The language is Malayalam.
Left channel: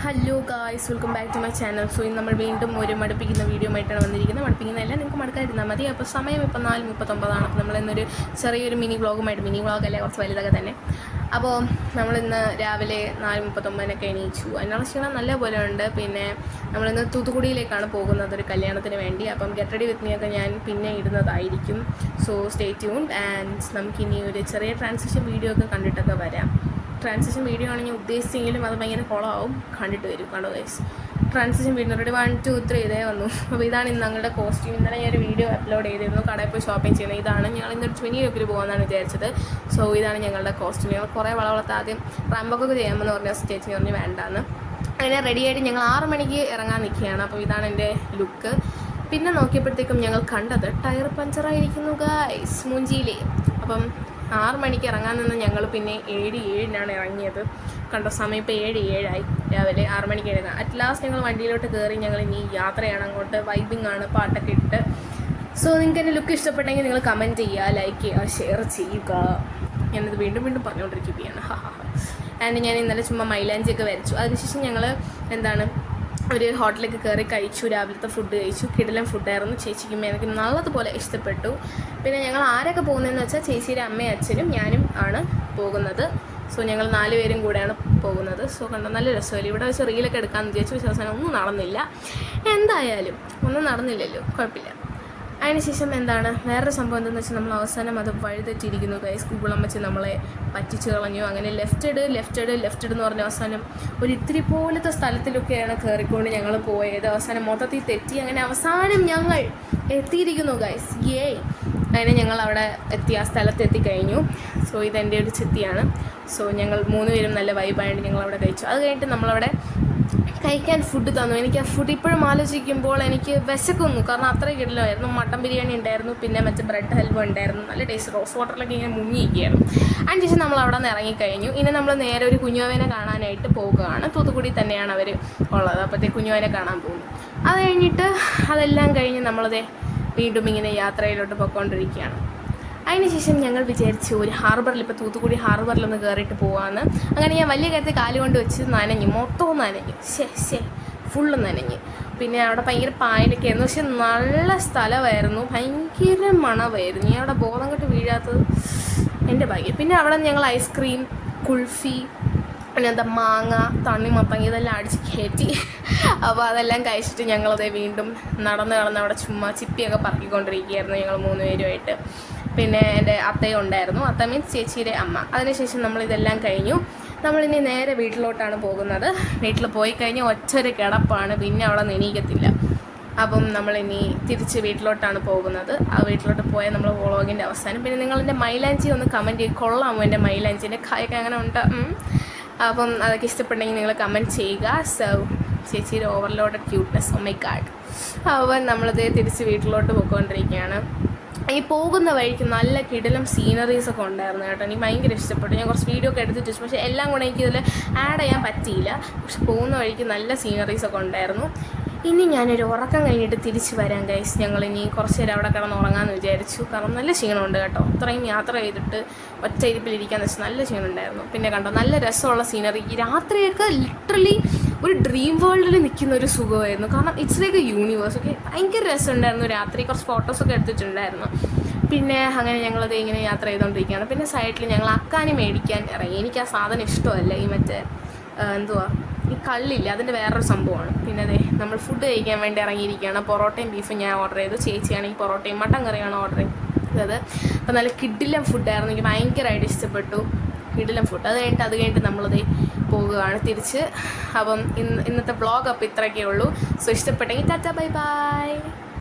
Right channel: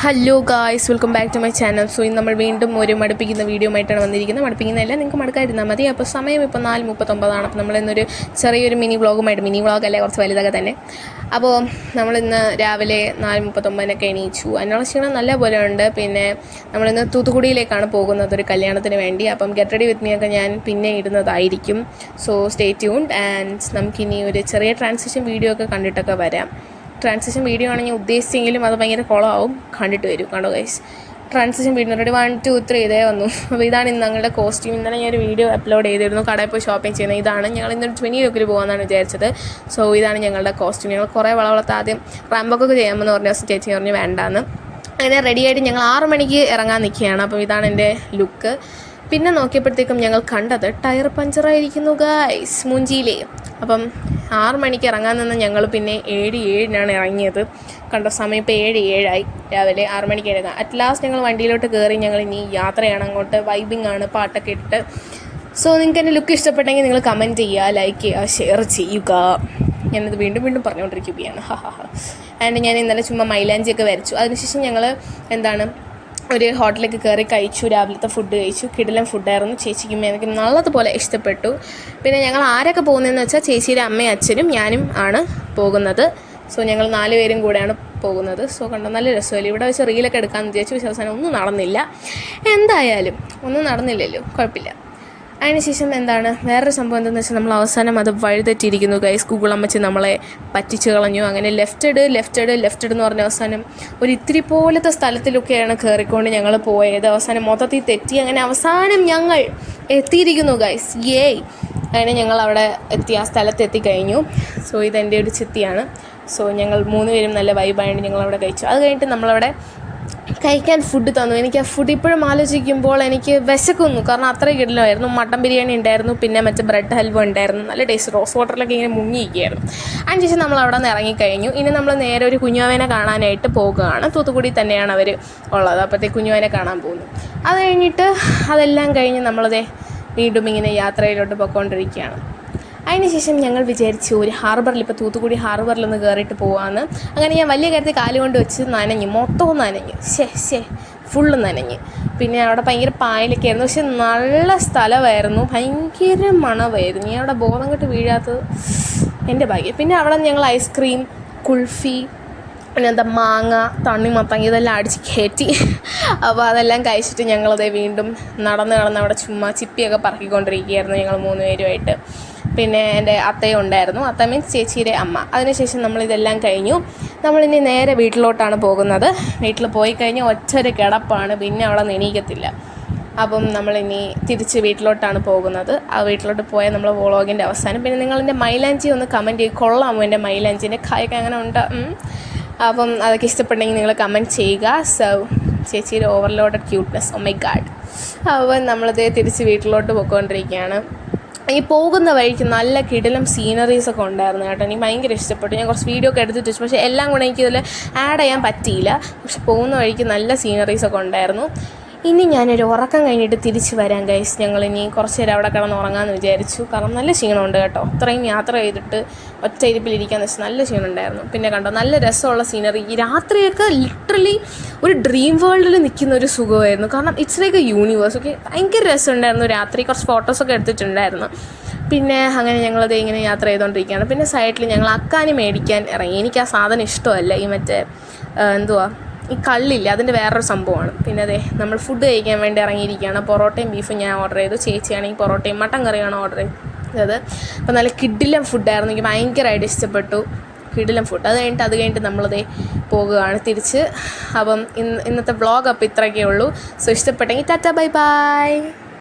Hello guys, welcome back to my channel. So ഇന്ന് നമ്മൾ വീണ്ടും ഒരു മടുപ്പിക്കുന്ന വീഡിയോ ആയിട്ടാണ് വന്നിരിക്കുന്നത്. മടുപ്പിക്കുന്നതല്ല, നിങ്ങൾക്ക് മടുക്കാതിരുന്നാൽ മതി. അപ്പോൾ സമയം ഇപ്പോൾ 4:39. അപ്പോൾ നമ്മളിന്നൊരു ചെറിയൊരു മിനി വ്ളോഗല്ലേ, കുറച്ച് വലുതൊക്കെ തന്നെ. അപ്പോൾ നമ്മളിന്ന് രാവിലെ 4:39 എണീച്ചു. അതിനുള്ള ക്ഷീണം നല്ല പോലെ ഉണ്ട്. പിന്നെ നമ്മളിന്ന് തൂത്തുക്കുടിയിലേക്കാണ് പോകുന്നത് ഒരു കല്യാണത്തിന് വേണ്ടി. അപ്പം ഗെറ്റ് റെഡി വിത്ത് മീ ഒക്കെ ഞാൻ പിന്നെ ഇടുന്നതായിരിക്കും. So stay tuned. ആൻഡ് നമുക്കിനി ഒരു ചെറിയ ട്രാൻസിഷൻ വീഡിയോ ഒക്കെ കണ്ടിട്ടൊക്കെ വരാം. ട്രാൻസിഷൻ വീഡിയോ ആണെങ്കിൽ ഉദ്ദേശിച്ചെങ്കിലും അത് ഭയങ്കര കുളമാവും. കണ്ടിട്ട് വരും. കണ്ടോ ഗൈസ്, ട്രാൻസിഷൻ വീഡിയോ റെഡി 1 2 3 ഇതേ വന്നു. അപ്പോൾ ഇതാണ് ഇന്ന് ഞങ്ങളുടെ കോസ്റ്റ്യൂം. ഇന്നലെ ഞാൻ ഒരു വീഡിയോ അപ്ലോഡ് ചെയ്തിരുന്നു, കടയിൽ പോയി ഷോപ്പിംഗ് ചെയ്യുന്നത്. ഇതാണ് ഞങ്ങൾ ഇന്നൊരു 20 ലുക്കിൽ പോകാമെന്നാണ് വിചാരിച്ചത്. സോ ഇതാണ് ഞങ്ങളുടെ കോസ്റ്റ്യൂം. ഞങ്ങൾ കുറേ വളവളത്ത് ആദ്യം റാമ്പൊക്കെ ചെയ്യാമെന്ന് പറഞ്ഞ ചേച്ചി പറഞ്ഞ് വേണ്ടാന്ന്. അങ്ങനെ റെഡിയായിട്ട് ഞങ്ങൾ 6 മണിക്ക് ഇറങ്ങാൻ നിൽക്കുകയാണ്. അപ്പോൾ ഇതാണ് എൻ്റെ ലുക്ക്. പിന്നെ നോക്കിയപ്പോഴത്തേക്കും ഞങ്ങൾ കണ്ടത് ടയർ പഞ്ചറായിരിക്കുന്നു ഗൈസ്, മൂഞ്ചിയിലേ. അപ്പം 6 മണിക്ക് ഇറങ്ങാൻ നിന്ന് ഞങ്ങൾ പിന്നെ 7:07 ഇറങ്ങിയത്. കണ്ട സമയം ഇപ്പോൾ 7:07 രാവിലെ 6 മണിക്ക് ഇറങ്ങാം. അറ്റ് ലാസ്റ്റ് ഞങ്ങൾ വണ്ടിയിലോട്ട് കയറി. ഞങ്ങൾ ഇനി യാത്രയാണ് അങ്ങോട്ട്. വൈബിങ് ആണ്, പാട്ടൊക്കെ ഇട്ടിട്ട്. സോ നിങ്ങൾക്ക് എൻ്റെ ലുക്ക് ഇഷ്ടപ്പെട്ടെങ്കിൽ നിങ്ങൾ കമൻറ്റ് ചെയ്യുക, ലൈക്ക് ചെയ്യുക, ഷെയർ ചെയ്യുക. ഞാനിത് വീണ്ടും വീണ്ടും പറഞ്ഞുകൊണ്ടിരിക്കുകയാണ്. ആൻഡ് ഞാൻ ഇന്നലെ ചുമ്മാ മൈലാഞ്ചിയൊക്കെ വരച്ചു. അതിനുശേഷം ഞങ്ങൾ ഒരു ഹോട്ടലിലേക്ക് കയറി കഴിച്ചു. രാവിലത്തെ ഫുഡ് കഴിച്ചു. കിടിലൻ ഫുഡായിരുന്നു. ചേച്ചിക്കും എനിക്ക് നല്ലതുപോലെ ഇഷ്ടപ്പെട്ടു. പിന്നെ ഞങ്ങൾ ആരൊക്കെ പോകുന്നതെന്ന് വെച്ചാൽ ചേച്ചിയുടെ അമ്മയും അച്ഛനും ഞാനും ആണ് പോകുന്നത്. സോ ഞങ്ങൾ 4 പേരും കൂടെയാണ് പോകുന്നത്. സോ കണ്ടോ, നല്ല രസമല്ലേ. ഇവിടെ വെച്ച് റീലൊക്കെ എടുക്കാമെന്ന് വിചാരിച്ചു. വിശ്വാസം ഒന്നും നടന്നില്ല. എന്തായാലും ഒന്നും നടന്നില്ലല്ലോ, കുഴപ്പമില്ല. അതിനുശേഷം വേറൊരു സംഭവം എന്താണെന്ന് വെച്ചാൽ നമ്മൾ അവസാനം അത് വഴിതെറ്റിയിരിക്കുന്നു ഗൈസ്. ഗൂഗിൾ അമ്മച്ചി നമ്മളെ പറ്റിച്ച് കളഞ്ഞു. അങ്ങനെ ലെഫ്റ്റ് എന്ന് പറഞ്ഞ അവസാനം ഒരു ഇത്തിരി പോലത്തെ സ്ഥലത്തിലൊക്കെയാണ് കയറിക്കൊണ്ട് ഞങ്ങൾ പോയത്. അവസാനം മൊത്തത്തിൽ തെറ്റി. അങ്ങനെ അവസാനം ഞങ്ങൾ എത്തിയിരിക്കുന്നു ഗൈസ്. അങ്ങനെ ഞങ്ങൾ അവിടെ ആ സ്ഥലത്ത് എത്തിക്കഴിഞ്ഞു. സോ ഇതെൻ്റെ ഒരു ചിത്തിയാണ്. സോ ഞങ്ങൾ 3 പേരും നല്ല വൈബായിട്ട് ഞങ്ങളവിടെ കഴിച്ചു. അത് കഴിഞ്ഞിട്ട് നമ്മളവിടെ കഴിക്കാൻ ഫുഡ് തന്നു. എനിക്ക് ആ ഫുഡ് ഇപ്പോഴും ആലോചിക്കുമ്പോൾ എനിക്ക് വിശക്കുന്നു. കാരണം അത്രയും കിടിലമായിരുന്നു. മട്ടൻ ബിരിയാണി ഉണ്ടായിരുന്നു, പിന്നെ മറ്റേ ബ്രെഡ് ഹൽവ ഉണ്ടായിരുന്നു. നല്ല ടേസ്റ്റ്. റോസ് വാട്ടറിലൊക്കെ ഇങ്ങനെ മുങ്ങിയിരിക്കുകയായിരുന്നു. അതിനുശേഷം നമ്മൾ അവിടെ നിന്ന് ഇറങ്ങിക്കഴിഞ്ഞു. ഇനി നമ്മൾ നേരെ ഒരു കുഞ്ഞുവാവനെ കാണാനായിട്ട് പോകുകയാണ്. തൂത്തുക്കുടി തന്നെയാണ് അവർ ഉള്ളത്. അപ്പോഴത്തേക്ക് കുഞ്ഞുവാവനെ കാണാൻ പോകുന്നു. അത് കഴിഞ്ഞിട്ട് അതെല്ലാം കഴിഞ്ഞ് നമ്മളത് വീണ്ടും ഇങ്ങനെ യാത്രയിലോട്ട് പോയിക്കൊണ്ടിരിക്കുകയാണ്. അതിനുശേഷം ഞങ്ങൾ വിചാരിച്ചു ഒരു ഹാർബറിൽ, ഇപ്പോൾ തൂത്തുക്കുടി ഹാർബറിലൊന്ന് കയറിയിട്ട് പോകാമെന്ന്. അങ്ങനെ ഞാൻ വലിയ കാര്യത്തിൽ കാലുകൊണ്ട് വെച്ച് നനഞ്ഞു, മൊത്തവും നനഞ്ഞു. ഫുള്ള് നനഞ്ഞ്. പിന്നെ അവിടെ ഭയങ്കര പായലൊക്കെ ആയിരുന്നു. പക്ഷെ നല്ല സ്ഥലമായിരുന്നു. ഭയങ്കര മണമായിരുന്നു. ഞാൻ അവിടെ ബോധം കെട്ട് വീഴാത്തത് എൻ്റെ ഭാഗ്യം. പിന്നെ അവിടെ ഞങ്ങൾ ഐസ്ക്രീം, കുൾഫി, പിന്നെ മാങ്ങ, തണ്ണിമത്തങ്ങ ഇതെല്ലാം അടിച്ച് കയറ്റി. അപ്പോൾ അതെല്ലാം കഴിച്ചിട്ട് ഞങ്ങളത് വീണ്ടും നടന്ന് അവിടെ ചുമ്മാ ചിപ്പിയൊക്കെ പറക്കിക്കൊണ്ടിരിക്കുകയായിരുന്നു ഞങ്ങൾ 3 പേരുമായിട്ട്. പിന്നെ എൻ്റെ അത്തയും ഉണ്ടായിരുന്നു. അത്ത മീൻസ് ചേച്ചിയുടെ അമ്മ. അതിനുശേഷം നമ്മളിതെല്ലാം കഴിഞ്ഞു. നമ്മളിനി നേരെ വീട്ടിലോട്ടാണ് പോകുന്നത്. വീട്ടിൽ പോയി കഴിഞ്ഞാൽ ഒറ്റൊരു കിടപ്പാണ്. പിന്നെ അവളെ എണീക്കത്തില്ല. അപ്പം നമ്മളിനി തിരിച്ച് വീട്ടിലോട്ടാണ് പോകുന്നത്. ആ വീട്ടിലോട്ട് പോയാൽ നമ്മൾ വ്ളോഗിൻ്റെ അവസാനം. പിന്നെ നിങ്ങളെൻ്റെ മൈലാഞ്ചി ഒന്ന് കമൻറ്റ് ചെയ്ത്, കൊള്ളാമോ എൻ്റെ മൈലാഞ്ചിൻ്റെ കായൊക്കെ അങ്ങനെ ഉണ്ട്. അപ്പം അതൊക്കെ ഇഷ്ടപ്പെട്ടെങ്കിൽ നിങ്ങൾ കമൻറ്റ് ചെയ്യുക. സോ ചേച്ചിയുടെ overloaded cuteness, oh my god. അപ്പം നമ്മളത് തിരിച്ച് വീട്ടിലോട്ട് പോയിക്കൊണ്ടിരിക്കുകയാണ്. ഈ പോകുന്ന വഴിക്ക് നല്ല കിടിലം സീനറീസൊക്കെ ഉണ്ടായിരുന്നു കേട്ടോ. എനിക്ക് ഭയങ്കര ഇഷ്ടപ്പെട്ടു. ഞാൻ കുറച്ച് വീഡിയോ ഒക്കെ എടുത്തിട്ട് വെച്ചു. പക്ഷേ എല്ലാം കൂടെ എനിക്കിതിൽ ആഡ് ചെയ്യാൻ പറ്റിയില്ല. പക്ഷെ പോകുന്ന വഴിക്ക് നല്ല സീനറീസൊക്കെ ഉണ്ടായിരുന്നു. ഇനി ഞാനൊരു ഉറക്കം കഴിഞ്ഞിട്ട് തിരിച്ച് വരാം ഗൈസ്. ഞങ്ങളിനി കുറച്ച് നേരം അവിടെ കിടന്ന് ഉറങ്ങാമെന്ന് വിചാരിച്ചു. കാരണം നല്ല ക്ഷീണമുണ്ട് കേട്ടോ. അത്രയും യാത്ര ചെയ്തിട്ട് ഒറ്റ ഇരിപ്പിലിരിക്കാന്ന് വെച്ചാൽ നല്ല ക്ഷീണമുണ്ടായിരുന്നു. പിന്നെ കണ്ടോ, നല്ല രസമുള്ള സീനറി. ഈ രാത്രിയൊക്കെ ലിറ്ററലി ഒരു ഡ്രീം വേൾഡിൽ നിൽക്കുന്ന ഒരു സുഖമായിരുന്നു. കാരണം ഇറ്റ്സ് ലൈക്ക് എ യൂണിവേഴ്സ്. ഒക്കെ ഭയങ്കര രസമുണ്ടായിരുന്നു. രാത്രി കുറച്ച് ഫോട്ടോസൊക്കെ എടുത്തിട്ടുണ്ടായിരുന്നു. പിന്നെ അങ്ങനെ ഞങ്ങളത് ഇങ്ങനെ യാത്ര ചെയ്തുകൊണ്ടിരിക്കുകയാണ്. പിന്നെ സൈഡിൽ ഞങ്ങൾ അക്കാനി മേടിക്കാൻ ഇറങ്ങി. എനിക്ക് ആ സാധനം ഇഷ്ടമല്ല. ഈ മറ്റേ ഈ കള്ളില്ല, അതിൻ്റെ വേറൊരു സംഭവമാണ്. പിന്നെ നമ്മൾ ഫുഡ് കഴിക്കാൻ വേണ്ടി ഇറങ്ങിയിരിക്കുകയാണ്. പൊറോട്ടയും ബീഫും ഞാൻ ഓർഡർ ചെയ്തു. ചേച്ചിയാണെങ്കിൽ പൊറോട്ടയും മട്ടൻ കറിയാണ് ഓർഡർ ചെയ്തത്. അപ്പോൾ നല്ല കിടിലം ഫുഡായിരുന്നു. എനിക്ക് ഭയങ്കരമായിട്ട് ഇഷ്ടപ്പെട്ടു. കിടിലം ഫുഡ്. അത് കഴിഞ്ഞിട്ട് നമ്മളത് പോകുകയാണ് തിരിച്ച്. അപ്പം ഇന്നത്തെ വ്ളോഗ് അപ്പോൾ ഇത്രയൊക്കെ ഉള്ളൂ. സോ ഇഷ്ടപ്പെട്ടെങ്കിൽ ടാറ്റ ബൈ ബൈ.